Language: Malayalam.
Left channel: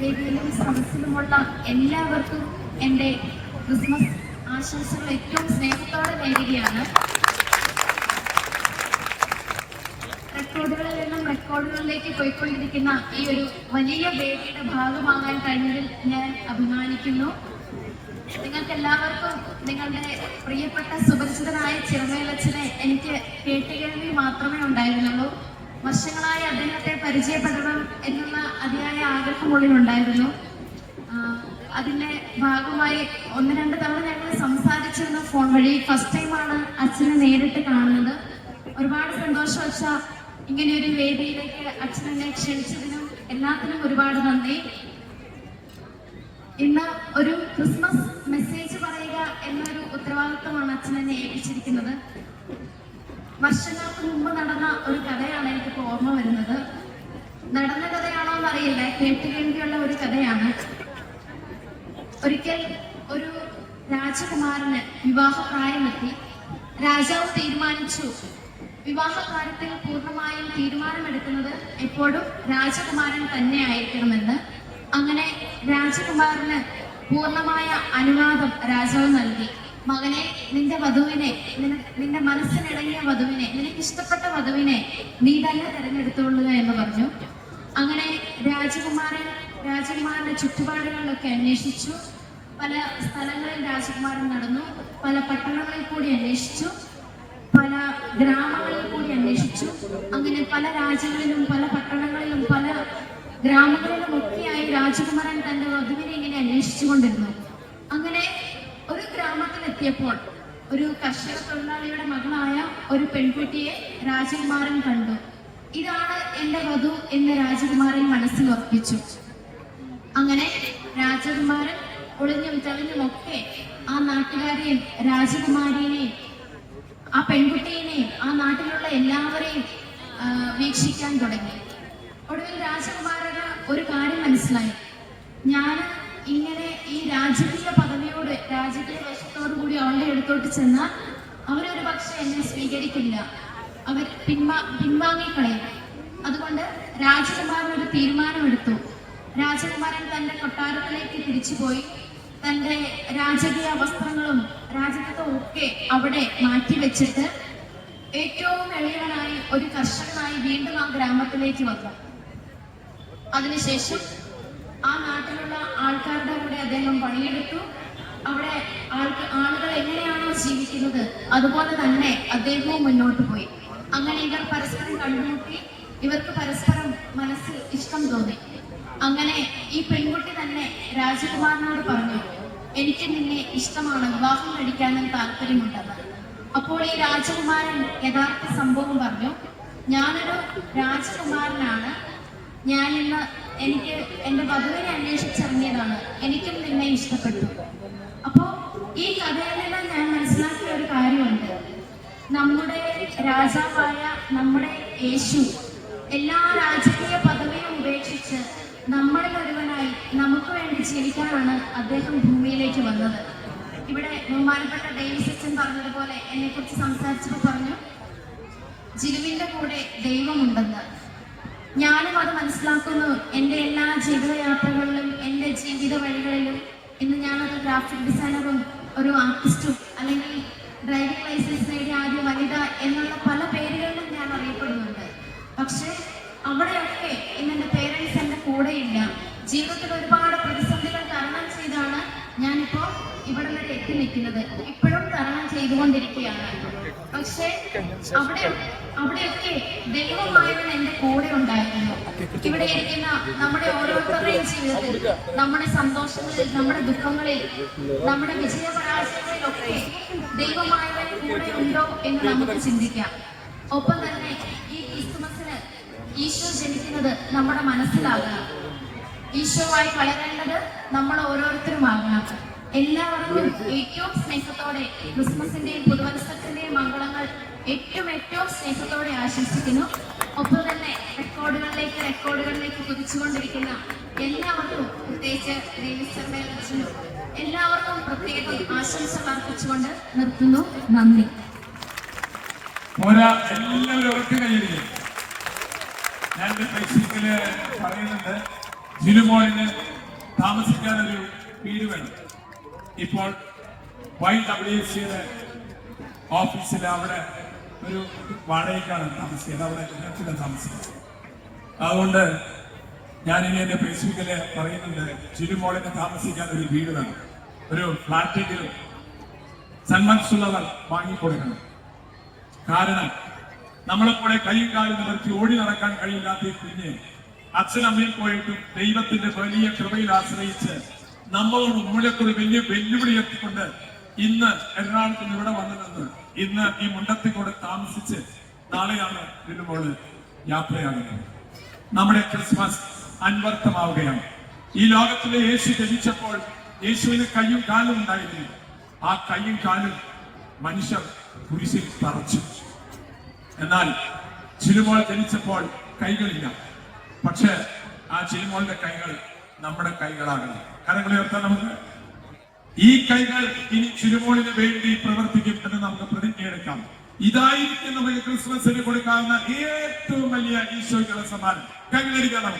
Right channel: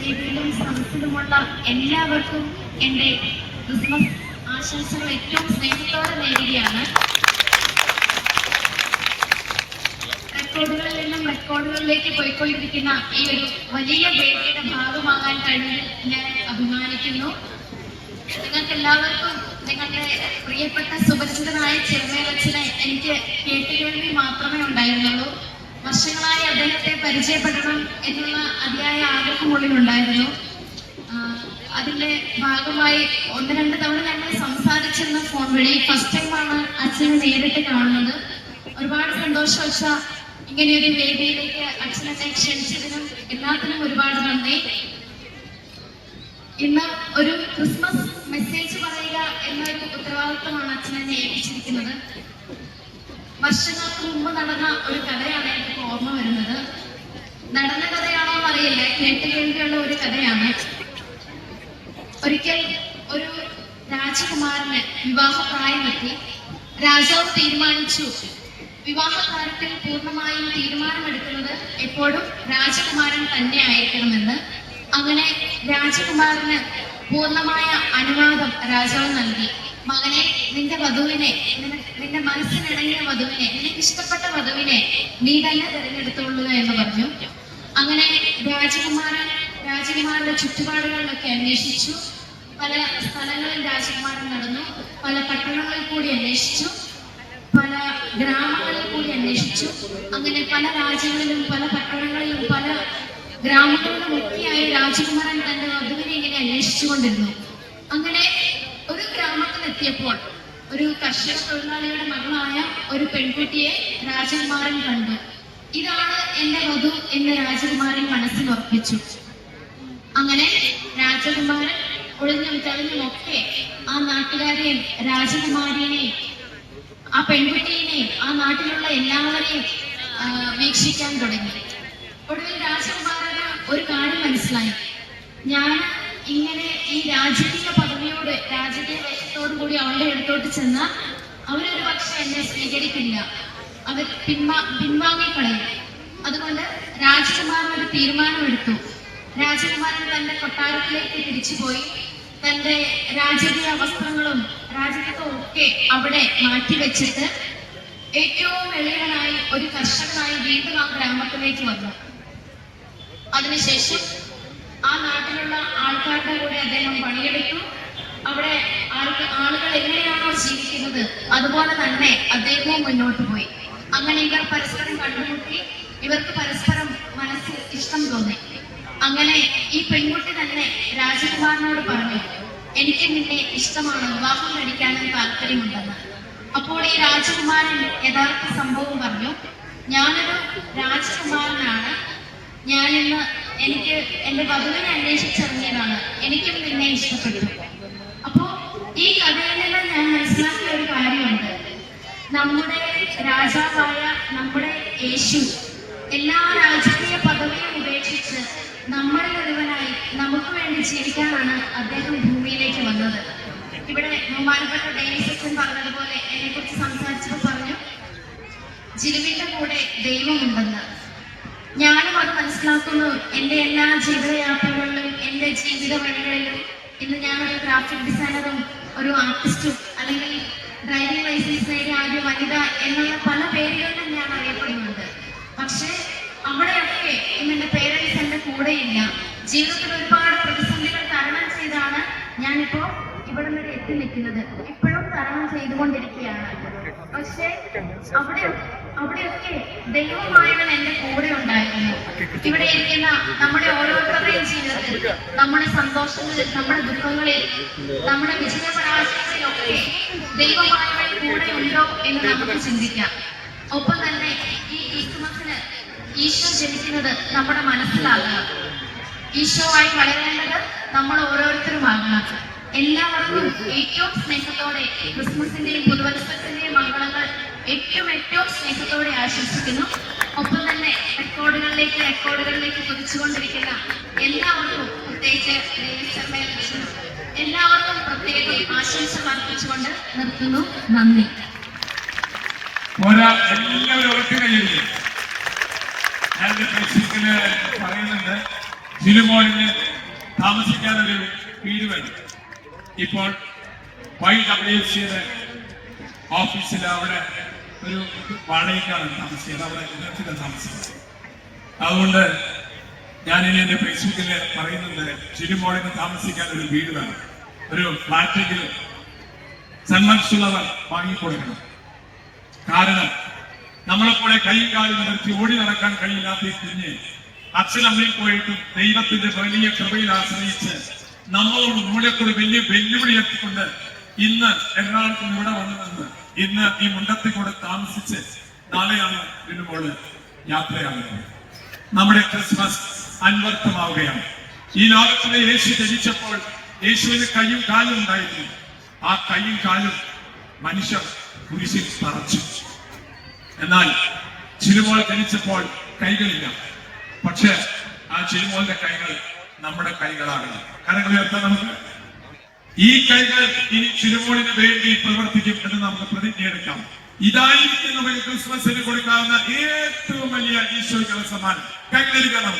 വേദിയിലും സദസ്സിലുമുള്ള എല്ലാവർക്കും എന്റെ ക്രിസ്മസ് ആശംസകൾ ഏറ്റവും സ്നേഹത്തോടെ നേരുകയാണ്. റെക്കോർഡുകളിൽ നിന്നും റെക്കോർഡുകളിലേക്ക് പോയിക്കൊണ്ടിരിക്കുന്ന ഈ ഒരു വലിയ വേദിയുടെ ഭാഗമാകാൻ കഴിഞ്ഞതിൽ ഞാൻ അഭിമാനിക്കുന്നു. നിങ്ങൾക്ക് എല്ലാവർക്കും നിങ്ങളുടെ പ്രിയപ്പെട്ട സുപരിചിതനായ ചെറുമേലച്ഛനെ എനിക്ക് കേട്ടുകേൾവി മാത്രമേ ഉണ്ടായിരുന്നുള്ളൂ. വർഷങ്ങളായി അദ്ദേഹത്തെ പരിചയപ്പെടണം എന്നുള്ള ഉണ്ടായിരുന്നു. അതിന്റെ ഭാഗമായി ഒന്ന് രണ്ട് തവണ ഞങ്ങൾ സംസാരിച്ചിരുന്നു ഫോൺ വഴി. ഫസ്റ്റ് ടൈമാണ് അച്ഛനെ നേരിട്ട് കാണുന്നത്. ഒരുപാട് സന്തോഷവശ ഇങ്ങനെ ഒരു വേദിയിലേക്ക് അച്ഛനെ ക്ഷണിച്ചതിനും എല്ലാത്തിനും ഒരുപാട് നന്ദി. ഇന്ന് ഒരു ക്രിസ്മസ് മെസ്സേജ് പറയുക എന്നൊരു ഉത്തരവാദിത്വമാണ് അച്ഛൻ എന്നെ ഏൽപ്പിച്ചിരിക്കുന്നത്. വർഷങ്ങൾക്ക് മുമ്പ് നടന്ന ഒരു കഥയാണ് എനിക്ക് ഓർമ്മ വരുന്നത്. നടന്ന കഥയാണോ എന്നറിയില്ല കേട്ട് കേൾവിയുള്ള ഒരു കഥയാണ്. ഒരിക്കൽ ഒരു രാജകുമാരന് വിവാഹപ്രായമെത്തി രാജാവ് തീരുമാനിച്ചു. വിവാഹ കാര്യത്തിൽ പൂർണമായും തീരുമാനമെടുക്കുന്നത് എപ്പോഴും രാജകുമാരൻ തന്നെ ആയിരിക്കണമെന്ന്. അങ്ങനെ രാജകുമാരന് പൂർണമായ അനുവാദം രാജാവ് നൽകി. മകനെ നിന്റെ വധുവിനെ നിന്റെ മനസ്സിനിണങ്ങിയ വധുവിനെ നിനക്ക് ഇഷ്ടപ്പെട്ട വധുവിനെ നീ തന്നെ തിരഞ്ഞെടുത്തോളുക എന്ന് പറഞ്ഞു. അങ്ങനെ രാജകുമാരൻ രാജകുമാരുടെ ചുറ്റുപാടുകളിലൊക്കെ അന്വേഷിച്ചു. പല സ്ഥലങ്ങളിൽ രാജകുമാരൻ നടന്നു. പല പട്ടണങ്ങളിൽ കൂടി അന്വേഷിച്ചു. പല ഗ്രാമങ്ങളിൽ കൂടി അന്വേഷിച്ചു. അങ്ങനെ പല രാജ്യങ്ങളിലും പല പട്ടണങ്ങളിലും പല ഗ്രാമങ്ങളിലും ഒക്കെയായി രാജകുമാരൻ തന്റെ വധുവിനെ ഇങ്ങനെ അന്വേഷിച്ചുകൊണ്ടിരുന്നു. അങ്ങനെ ഒരു ഗ്രാമത്തിലെത്തിയപ്പോൾ ഒരു കർഷക തൊഴിലാളിയുടെ മകളായ ഒരു പെൺകുട്ടിയെ രാജകുമാരൻ കണ്ടു. ഇതാണ് എന്റെ വധു എന്ന് രാജകുമാരൻ മനസ്സിൽ ഉറപ്പിച്ചു. അങ്ങനെ രാജകുമാരൻ ഒളിഞ്ഞും തെളിഞ്ഞും ആ നാട്ടുകാരെയും രാജകുമാരിയെയും ആ പെൺകുട്ടിയെയും ആ നാട്ടിലുള്ള എല്ലാവരെയും വീക്ഷിക്കാൻ തുടങ്ങി. ഒടുവിൽ രാജകുമാരന് ഒരു കാര്യം മനസ്സിലായി. ഞാൻ ഇങ്ങനെ ഈ രാജകീയ പദവിയോട് രാജകീയ വേഷത്തോടു കൂടി അവളുടെ അടുത്തോട്ട് ചെന്നാൽ അവരൊരു പക്ഷെ എന്നെ സ്വീകരിക്കില്ല. അവർ പിൻവാ പിൻവാങ്ങിക്കളയും. അതുകൊണ്ട് രാജകുമാരൻ ഒരു തീരുമാനമെടുത്തു. രാജകുമാരൻ തന്റെ കൊട്ടാരത്തിലേക്ക് തിരിച്ചുപോയി. തന്റെ രാജകീയ വസ്ത്രങ്ങളും രാജകീയവും ഒക്കെ അവിടെ മാറ്റിവെച്ചിട്ട് ഏറ്റവും എളിയവനായി ഒരു കർഷകനായി വീണ്ടും ആ ഗ്രാമത്തിലേക്ക് വന്നു. അതിനുശേഷം ആ നാട്ടിലുള്ള ആൾക്കാരുടെ കൂടെ അദ്ദേഹം പണിയെടുത്തു. അവിടെ ആൾക്ക് ആളുകൾ എങ്ങനെയാണോ ജീവിക്കുന്നത് അതുപോലെ തന്നെ അദ്ദേഹവും മുന്നോട്ട് പോയി. അങ്ങനെ ഇവർ പരസ്പരം കണ്ടുമുട്ടി ഇവർക്ക് പരസ്പരം മനസ്സിൽ ഇഷ്ടം തോന്നി. അങ്ങനെ ഈ പെൺകുട്ടി തന്നെ രാജകുമാരനോട് പറഞ്ഞു എനിക്ക് നിന്നെ ഇഷ്ടമാണ് വിവാഹം കഴിക്കാനും താല്പര്യമുണ്ടെന്ന്. അപ്പോൾ ഈ രാജകുമാരൻ യഥാർത്ഥ സംഭവം പറഞ്ഞു ഞാനൊരു രാജകുമാരനാണ്. ഞാൻ ഇന്ന് എനിക്ക് എന്റെ വധുവിനെ അന്വേഷിച്ചിറങ്ങിയതാണ് എനിക്കും നിന്നെ ഇഷ്ടപ്പെട്ടു. അപ്പോ ഈ കഥയിൽ രാജാവായ നമ്മുടെ യേശു എല്ലാ രാജകീയ പദവിയും ഉപേക്ഷിച്ച് നമ്മുടെ ഒരുവനായി നമുക്ക് വേണ്ടി ജീവിക്കാനാണ് അദ്ദേഹം ഭൂമിയിലേക്ക് വന്നത്. ഇവിടെ ബഹുമാനപ്പെട്ട ഡേവിസ് അച്ഛൻ പറഞ്ഞതുപോലെ എന്നെ കുറിച്ച് സംസാരിച്ചപ്പോൾ പറഞ്ഞു ജിലുവിന്റെ കൂടെ ദൈവമുണ്ടെന്ന്. ഞാനും അത് മനസ്സിലാക്കുന്നു. എന്റെ എല്ലാ ജീവിതയാത്രകളിലും എന്റെ ജീവിത വഴികളിലും ഇന്ന് ഞാനൊരു ഗ്രാഫിക് ഡിസൈനറും ഒരു ആർട്ടിസ്റ്റും അല്ലെങ്കിൽ ഡ്രൈവിംഗ് ലൈസൻസ് നേടിയ ആദ്യ വനിത എന്നുള്ള പല പേരുകളിലും ഞാൻ അറിയപ്പെടുന്നുണ്ട്. പക്ഷെ അവിടെയൊക്കെ എന്റെ പേരൻസ് എന്റെ കൂടെയില്ല. ജീവിതത്തിൽ ഒരുപാട് പ്രതിസന്ധികൾ തരണം ചെയ്താണ് ഞാനിപ്പോൾ ഇവിടം വരെ എത്തി നിൽക്കുന്നത്. ഇപ്പോഴും തരണം ചെയ്തുകൊണ്ടിരിക്കുകയാണ്. പക്ഷേ അവിടെ അവിടെയൊക്കെ ദൈവമായവൻ എന്റെ കൂടെ ഉണ്ടായിരുന്നു ഇവിടെ ഇരിക്കുന്ന നമ്മുടെ ഓരോരുത്തരുടെയും ജീവിതത്തിൽ നമ്മുടെ സന്തോഷങ്ങളിൽ നമ്മുടെ ദുഃഖങ്ങളിൽ നമ്മുടെ വിജയപരാജയങ്ങളിലൊക്കെ ദൈവമായവൻ കൂടെ ഉണ്ടോ എന്ന് നമുക്ക് ചിന്തിക്കാം. ഒപ്പം തന്നെ ഈ ക്രിസ്മസിന് ഈശോ ജനിക്കുന്നത് നമ്മുടെ മനസ്സിലാകണം ആയി വളരേണ്ടത് നമ്മൾ ഓരോരുത്തരുമാകണം എല്ലാവർക്കും ഏറ്റവും സ്നേഹത്തോടെ ക്രിസ്മസിന്റെയും പുതുവത്സരത്തിന്റെയും മംഗളങ്ങൾ ഏറ്റവും ഏറ്റവും സ്നേഹത്തോടെ ആശംസിക്കുന്നു. ഒപ്പം തന്നെ റെക്കോർഡുകളിലേക്ക് റെക്കോർഡുകളിലേക്ക് കുതിച്ചുകൊണ്ടിരിക്കുന്ന എല്ലാവർക്കും പ്രത്യേകിച്ച് എല്ലാവർക്കും പ്രത്യേകം ആശംസ അർപ്പിച്ചുകൊണ്ട് നിർത്തുന്നു. നന്ദി. ഞാൻ ഫേസ്ബുക്കിൽ പറയുന്നുണ്ട് ജിലുമോളിന് താമസിക്കാൻ ഒരു വീട് വേണം. ഇപ്പോൾ വൈ ഡബ്ല്യു സിയുടെ ഓഫീസിൽ അവിടെ ഒരു വാടകയ്ക്കാണ് താമസിക്കുന്നത്. അവിടെ ഇടത്തില്ല താമസിക്കുന്നത് അതുകൊണ്ട് ഞാൻ എന്റെ ഫേസ്ബുക്കിൽ പറയുന്നത് ചിരുമോളിന് താമസിക്കാൻ ഒരു വീട് വേണം. ഒരു ഫ്ലാറ്റെങ്കിലും സന്മനസ്സുള്ളവർ വാങ്ങിക്കൊടുക്കണം. കാരണം നമ്മളെപ്പോലെ കൈയും കാലും നിർത്തി ഓടി നടക്കാൻ കഴിയില്ലാത്ത കുഞ്ഞ് അച്ഛനമ്മയിൽ പോയിട്ട് ദൈവത്തിന്റെ വലിയ കൃപയിൽ ആശ്രയിച്ച് നമ്മളോട് ഒരു വലിയ വെല്ലുവിളി എത്തിക്കൊണ്ട് ഇന്ന് എറണാകുളത്ത് ഇവിടെ വന്നു നിന്ന് ഇന്ന് ഈ മുണ്ടത്തിൽ കൂടെ താമസിച്ച് നാളെയാണ് വരുമ്പോൾ യാത്രയാകുന്നത് നമ്മുടെ ക്രിസ്മസ് അൻവർത്ഥമാവുകയാണ്. ഈ ലോകത്തിലെ യേശു ജനിച്ചപ്പോൾ യേശുവിന് കയ്യും കാലും ഉണ്ടായിരുന്നു. ആ കയ്യും കാലും മനുഷ്യർ കുരിശിൽ തറച്ചു. എന്നാൽ ചിരുമോൾ ജനിച്ചപ്പോൾ കൈകളില്ല. പക്ഷെ ആ ചിരുമോളിന്റെ കൈകൾ നമ്മുടെ കൈകളാണ്. കരങ്ങൾ ഉയർത്താൻ ഈ കൈകൾ ഇനി ചുരുമോളിന് വേണ്ടി പ്രവർത്തിക്കും എന്ന് നമുക്ക് പ്രതിജ്ഞയെടുക്കാം. ഇതായിരിക്കും നമുക്ക് ക്രിസ്മസിന് കൊടുക്കാവുന്ന ഏറ്റവും വലിയ ഈശോയ്ക്കുള്ള സമ്മാനം. കൈകളിരിക്കണം